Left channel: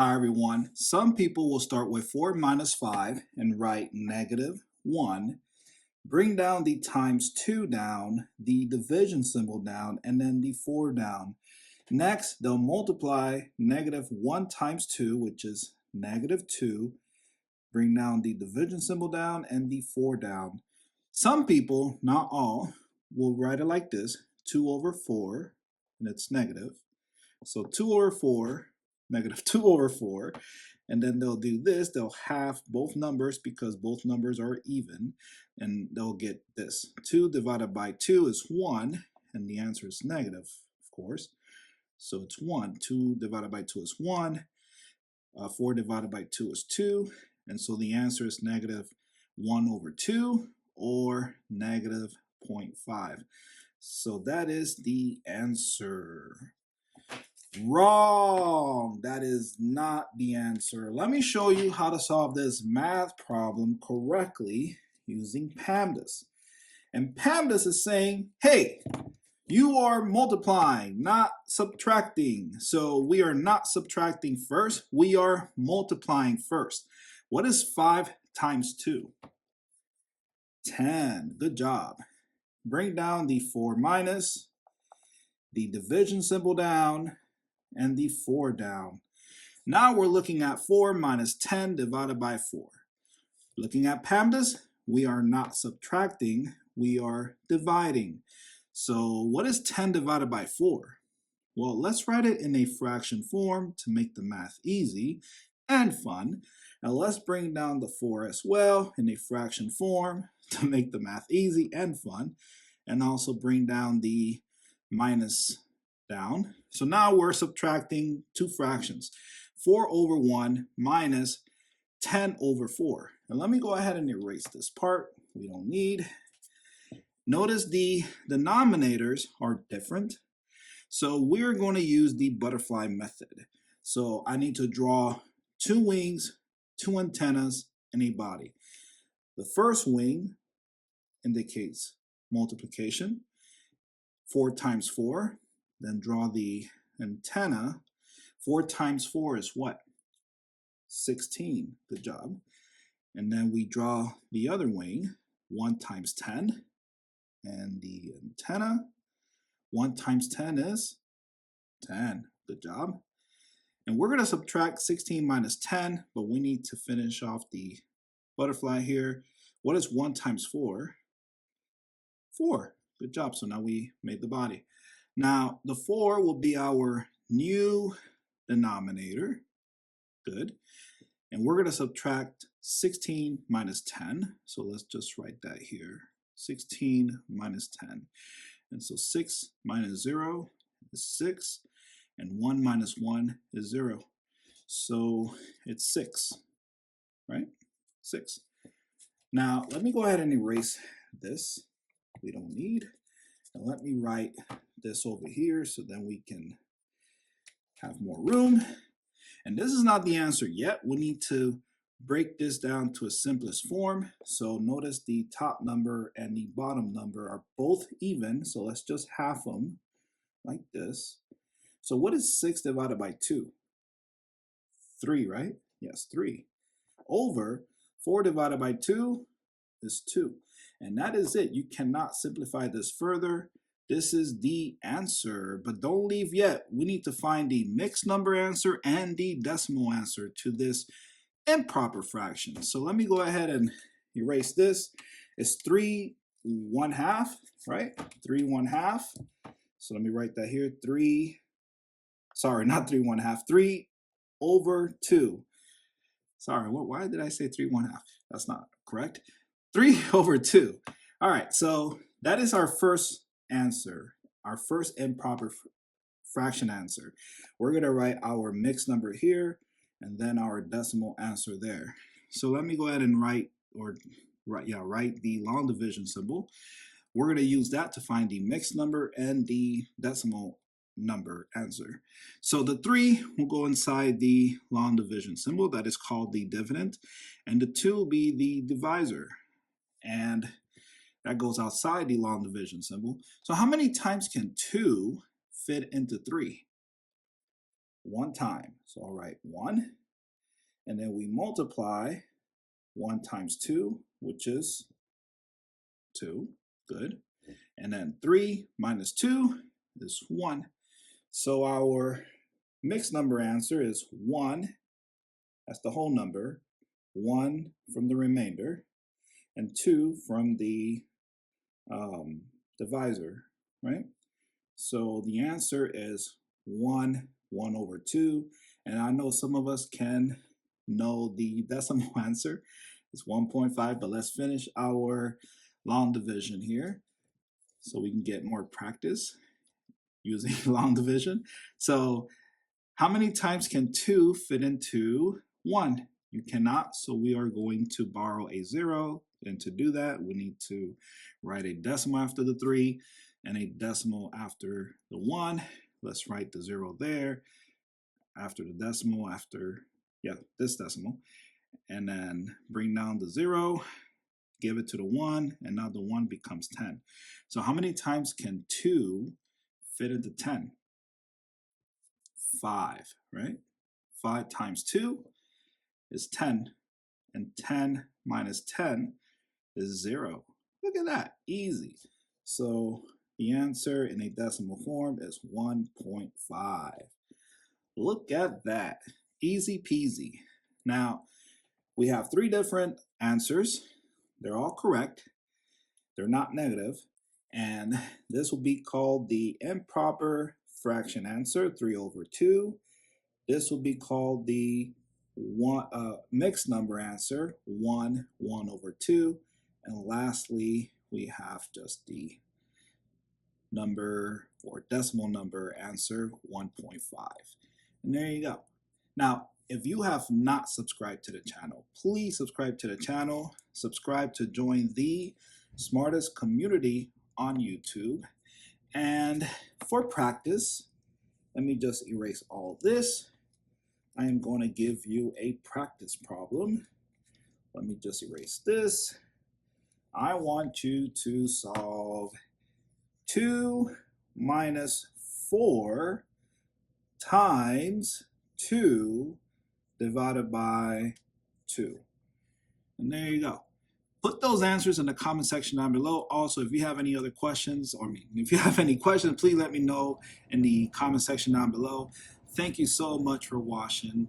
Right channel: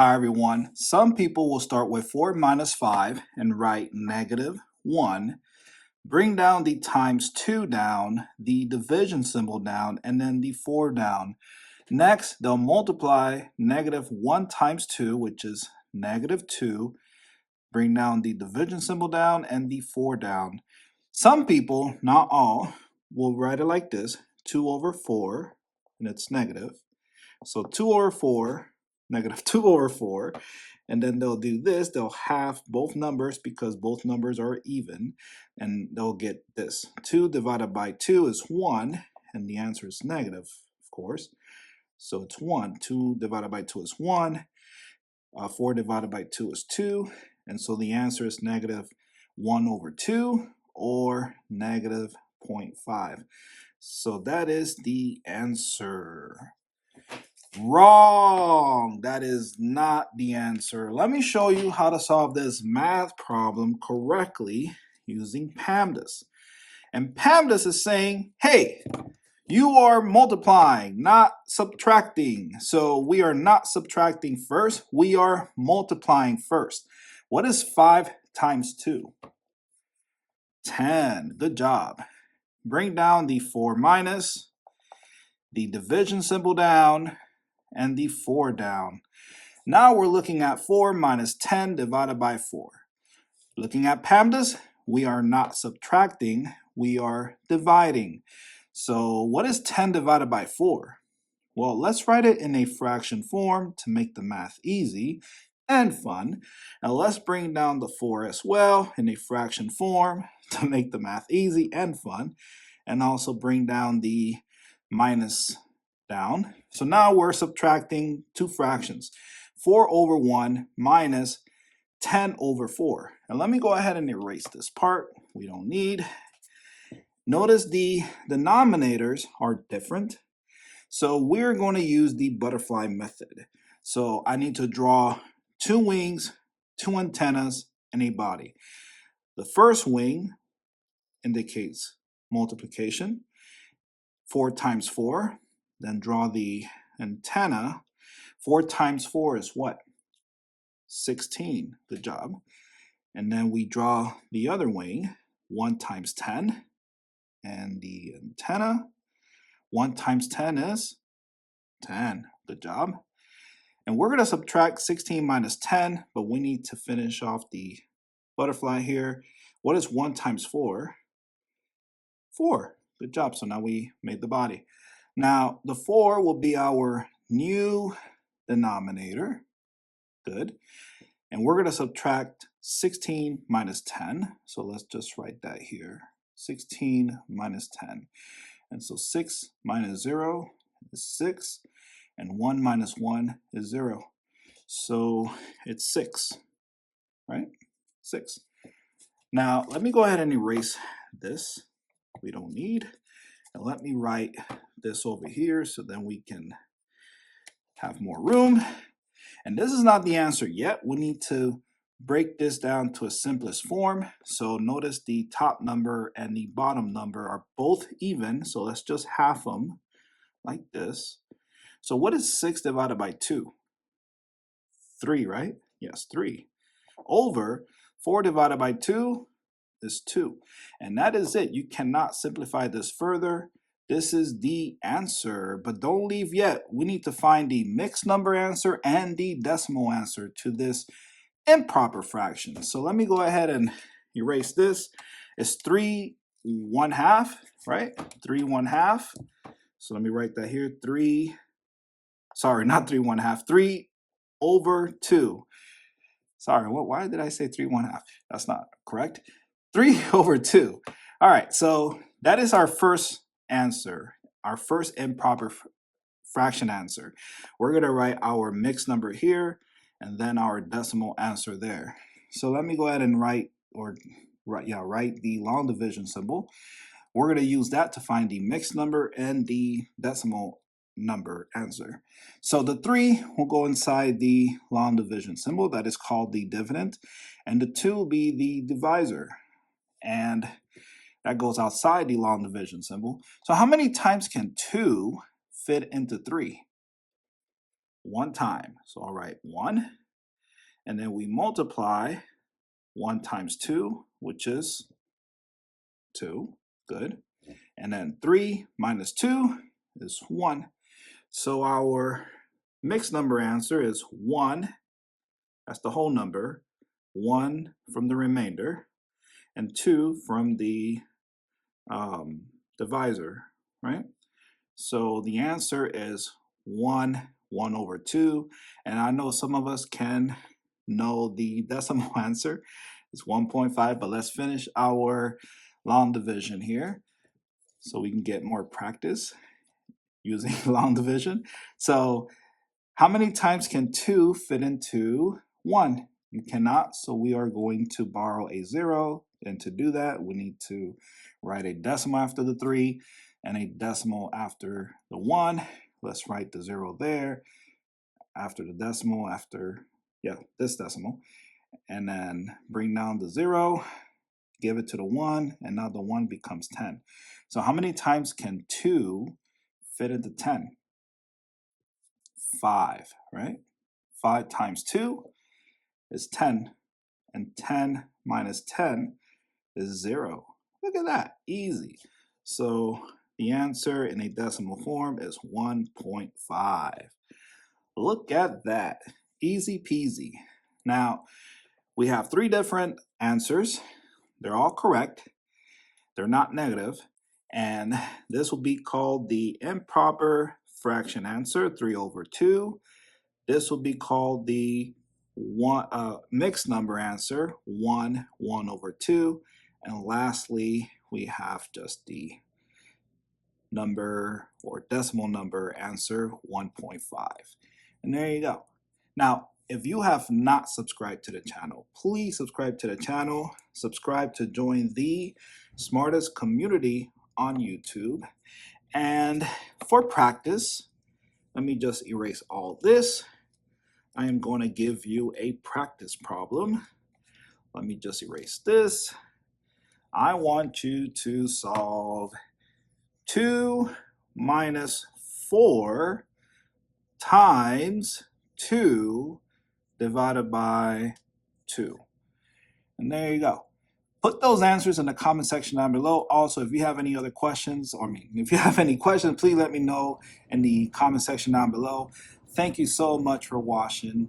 Hi everyone. Some people will start with 4 minus 5 and write -1. Bring down the times 2 down, the division symbol down, and then the 4 down. Next, they'll multiply -1 times 2, which is -2. Bring down the division symbol down and the 4 down. Some people, not all, will write it like this, 2 over 4, and it's negative. So 2 over 4, -2 over 4, and then they'll do this. They'll halve both numbers because both numbers are even, and they'll get this. 2 divided by 2 is 1, and the answer is negative, of course. So it's 1. 2 divided by 2 is 1. 4 divided by 2 is 2, and so the answer is -1 over 2, or -0.5. So that is the answer. Wrong! That is not the answer. Let me show you how to solve this math problem correctly using PEMDAS. And PEMDAS is saying, hey, you are multiplying, not subtracting. So we are not subtracting first, we are multiplying first. What is 5 times 2? 10. Good job. Bring down the 4 minus, the division symbol down, and the 4 down. Now we're looking at 4 minus 10 divided by 4. Looking at PEMDAS, we are not subtracting, we are dividing. So what is 10 divided by 4? Well, let's write it in a fraction form to make the math easy and fun. Now let's bring down the 4 as well in a fraction form to make the math easy and fun. And also bring down the minus down. So now we're subtracting two fractions. 4 over 1 minus 10 over 4. And let me go ahead and erase this part. We don't need. Notice the denominators are different. So we're going to use the butterfly method. So I need to draw 2 wings, 2 antennas, and a body. The first wing indicates multiplication. 4 times 4. Then draw the antenna. 4 times 4 is what? 16. Good job. And then we draw the other wing. 1 times 10. And the antenna. 1 times 10 is 10. Good job. And we're going to subtract 16 minus 10, but we need to finish off the butterfly here. What is 1 times 4? 4. Good job. So now we made the body. Now, the 4 will be our new denominator. Good. And we're going to subtract 16 minus 10. So let's just write that here. 16 minus 10. And so 6 minus 0 is 6. And 1 minus 1 is 0. So it's 6, right? 6. Now, let me go ahead and erase this. We don't need. And let me write this over here so then we can have more room. And this is not the answer yet. We need to break this down to a simplest form. So notice the top number and the bottom number are both even. So let's just half them like this. So what is 6 divided by 2? 3, right? Yes, 3. Over 4 divided by 2 is 2. And that is it. You cannot simplify this further. This is the answer, but don't leave yet. We need to find the mixed number answer and the decimal answer to this improper fraction. So let me go ahead and erase this. It's 3 1/2, right? 3 1/2. So let me write that here. 3 over 2. Sorry, why did I say 3 1/2? That's not correct. 3 over 2. All right, so that is our first answer, our first improper fraction answer. We're going to write our mixed number here and then our decimal answer there. So let me go ahead and write the long division symbol. We're going to use that to find the mixed number and the decimal number answer. So the 3 will go inside the long division symbol that is called the dividend, and the 2 will be the divisor, and that goes outside the long division symbol. So how many times can 2 fit into 3? one time. So I'll write 1, and then we multiply 1 times 2, which is 2. Good. And then 3 minus 2 is 1. So our mixed number answer is 1. That's the whole number. 1 from the remainder, and 2 from the divisor, right? So the answer is 1 over 2. And I know some of us can know the decimal answer. It's 1.5, but let's finish our long division here so we can get more practice using long division. So how many times can 2 fit into 1? You cannot, so we are going to borrow a 0. And to do that, we need to write a decimal after the 3 and a decimal after the 1. Let's write the 0 there, after the decimal, after, this decimal. And then bring down the 0, give it to the 1, and now the 1 becomes 10. So how many times can 2 fit into 10? 5, right? 5 times 2 is 10, and 10 minus 10 is 0. Look at that, easy. So the answer in a decimal form is 1.5. Look at that, easy peasy. Now, we have 3 different answers. They're all correct. They're not negative. And this will be called the improper fraction answer, 3 over 2. This will be called the mixed number answer, 1 over 2. And lastly, we have just the number or decimal number answer, 1.5. And there you go. Now, if you have not subscribed to the channel, please subscribe to the channel. Subscribe to join the smartest community on YouTube. And for practice, let me just erase all this. I am going to give you a practice problem. Let me just erase this. I want you to solve 2 minus 4 times 2 divided by 2. And there you go. Put those answers in the comment section down below. Also, if you have any other questions, if you have any questions, please let me know in the comment section down below. Thank you so much for watching,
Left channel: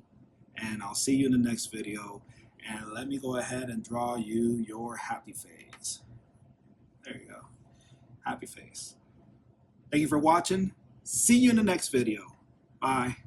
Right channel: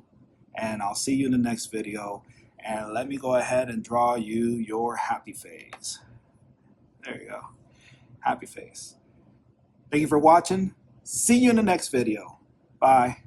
and I'll see you in the next video. And let me go ahead and draw you your happy face. There you go. Happy face. Thank you for watching. See you in the next video. Bye.